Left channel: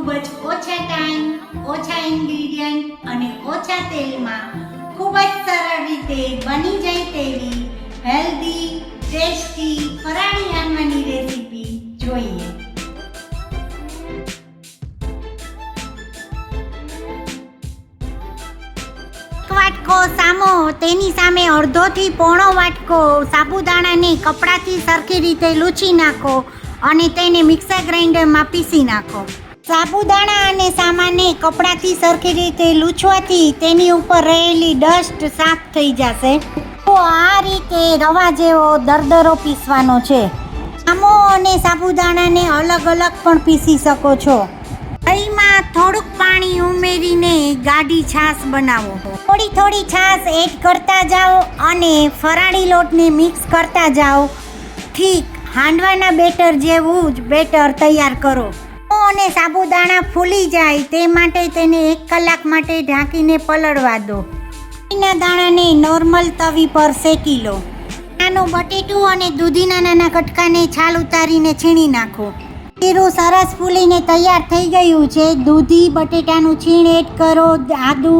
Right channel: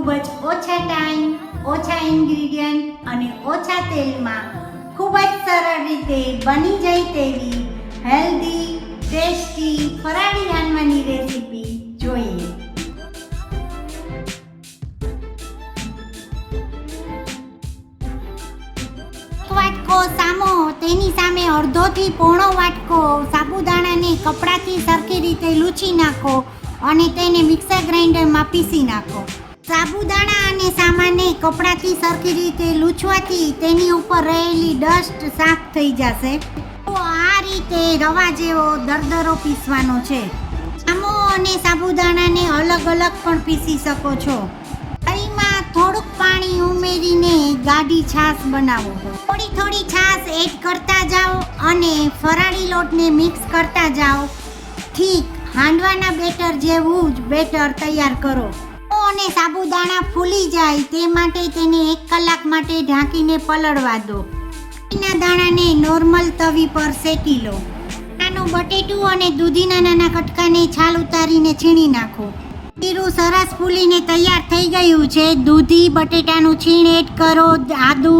ખૂબ જ ઓછા ટાઈમ, ઓછા ઇન્ગ્રીડિયન્ટ અને ઓછા તેલમાં ખૂબ જ સરળ રીતે બની જાય તેવી હેલ્ધી, ટેસ્ટી ફરાળી હાંડવાની રેસીપી જોઈએ. વાટકો સામો, તેની સામે અડધોથી પોણો વાટકો સાબુદાણાને કપડાથી સરખી રીતે લૂછી નાખો અને તેને મિક્સર ગ્રાઇન્ડરમાં પીસી નાખો. સાબુદાણા અને સામાને કપડાથી સરખી રીતે લૂછવાથી તેની ઉપર રહેલી ડસ્ટ સાફ થઈ જશે. તો આ રીતે રવા જેવો દરદરો પીસવાનો છે. સામો અને સાબુદાણાને અલગ અલગ પણ પીસી શકો છો. દહીંમાં થોડુંક પાણી ઉમેરીને ગાઢી છાશ બનાવો. થોડી થોડી છાશ એડ કરતા જાઓ અને ફરાળી લોટને મિક્સ કરતા જાઓ. ઠીક હાંડવાના બેટર જેવું જ બેટર તૈયાર કરો. અને સાબુદાણા ફૂલી જાય તે માટે તેને 1 કલાક માટે ઢાંકીને પલળવા દો. દૂધીના દાણાને નોર્મલ તવી પર શેકી લો. નાનું બટેટું અને દૂધીના નાના કટકાને છાલ ઉતારીને છીણી નાખો. જીરું સરસ ફૂલીને તૈયાર થઈ ગયું છે. દૂધી બટેટાનું છીણ એડ કરો. આદુ,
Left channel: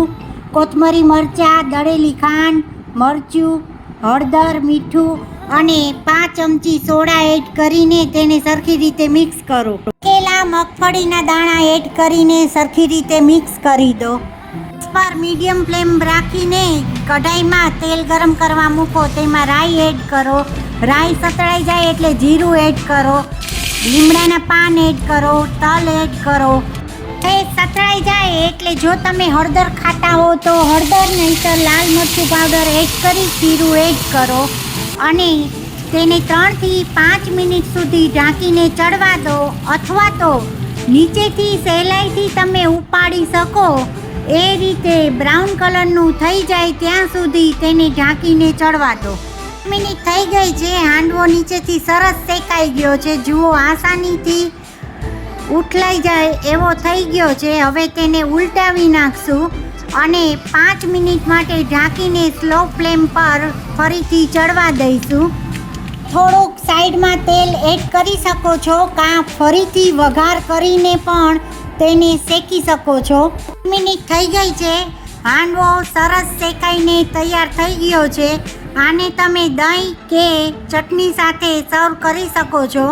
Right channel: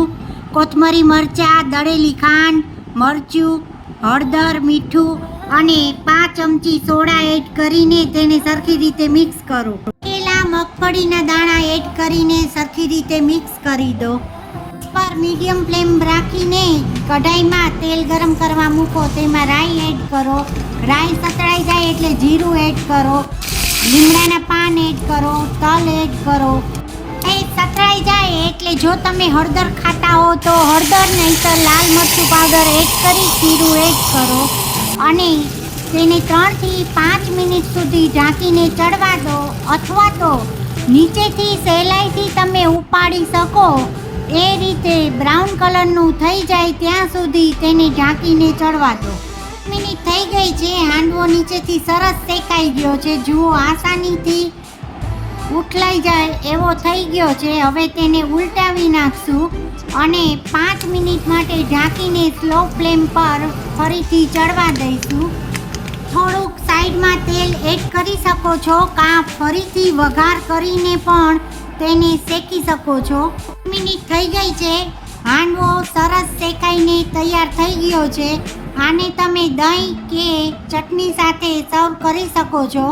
કોથમરી, મરચાં, દળેલી ખાંડ, મરચું, હળદર, મીઠું અને 5 ચમચી સોડા એડ કરીને તેને સરખી રીતે મિક્સ કરો. શેકેલા મગફળીના દાણા એડ કરીને સરખી રીતે મિક્સ કરી દો. પર મીડિયમ ફ્લેમ રાખીને કઢાઈમાં તેલ ગરમ કરવા મૂકો. તેમાં રાઈ એડ કરો. રાઈ સતળાઈ જાય એટલે જીરું એડ કરો. લીમડાના પાન એડ કરો. તલ એડ કરો. એ સતળાઈ જાય એટલે જો તમે હળદર ખાતા હો તો હળદર, નહીંતર લાલ મરચું પાવડર એડ કરી જીરું એડ કરો અને તેને 3 થી 5 મિનિટ સુધી ઢાંકીને ચડવા દો. અથવા તો નીચેથી સહેલાઈથી તમે ઉપાડી શકો એ રીતે બ્રાઉન કલરનું થઈ જાય ત્યાં સુધી તેને ઢાંકીને ચડવા દો. મિનિટ થઈ ગઈ છે. હાંડવો નીચેથી સરસ શેકાઈ ગયો છે. જુઓ, આસાનીથી ઉઠલાઈ જાય એવો થઈ ગયો છે. હવે તેને ઉલટાવી નાખશું અને 5 મિનિટ માટે ઢાંકીને સ્લો ફ્લેમ પર ફરીથી ચડવા દઈશું. થોડુંક સાઈડમાં તેલ એડ કરી શકો છો કાં ફરીથી વઘાર કરીને પણ તેને શેકી શકો છો. મિનિટ થઈ ગઈ છે. હાંડવો સરસ શેકાઈને તૈયાર થઈ ગયો છે. આને તમે દહીં કે ચટણી સાથે સર્વ કરી શકો છો.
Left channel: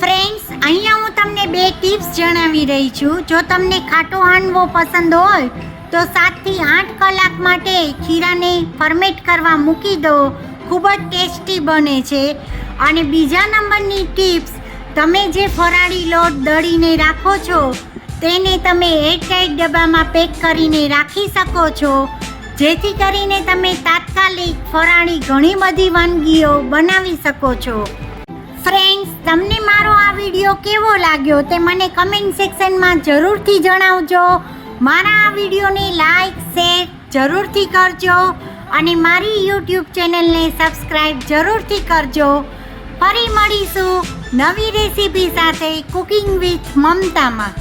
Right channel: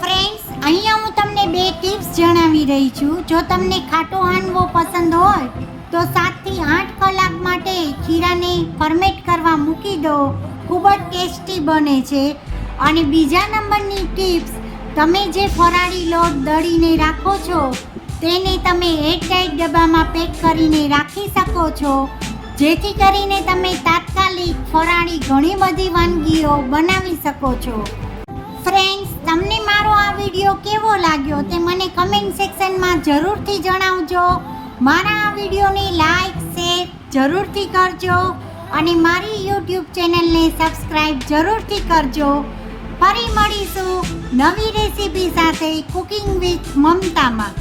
ફ્રેન્ડ્સ, અહીંયા હું તમને 2 ટિપ્સ જણાવી રહી છું. જો તમને ખાટો હાંડવો પસંદ હોય તો 7 થી 8 કલાક માટે ખીરાને ફર્મેટ કરવા મૂકી દો. ખૂબ જ ટેસ્ટી બને છે. અને બીજા નંબરની ટિપ્સ, તમે જે ફરાળી લોટ દળીને રાખો છો તેને તમે એરટાઇટ ડબ્બામાં પેક કરીને રાખી શકો છો, જેથી કરીને તમે તાત્કાલિક ફરાળી ઘણી બધી વાનગીઓ બનાવી શકો છો. ફ્રેન્ડ્સ, તમને મારો આ વિડીયો કેવો લાગ્યો તે મને કમેન્ટ સેક્શનમાં જરૂરથી જણાવજો. મારા આ વિડીયોને લાઈક, શેર જરૂરથી કરજો અને મારી યુટ્યુબ ચેનલને સબસ્ક્રાઈબ જરૂરથી કરજો. ફરી મળીશું નવી રેસીપી સાથે કુકિંગ વિથ મમતામાં.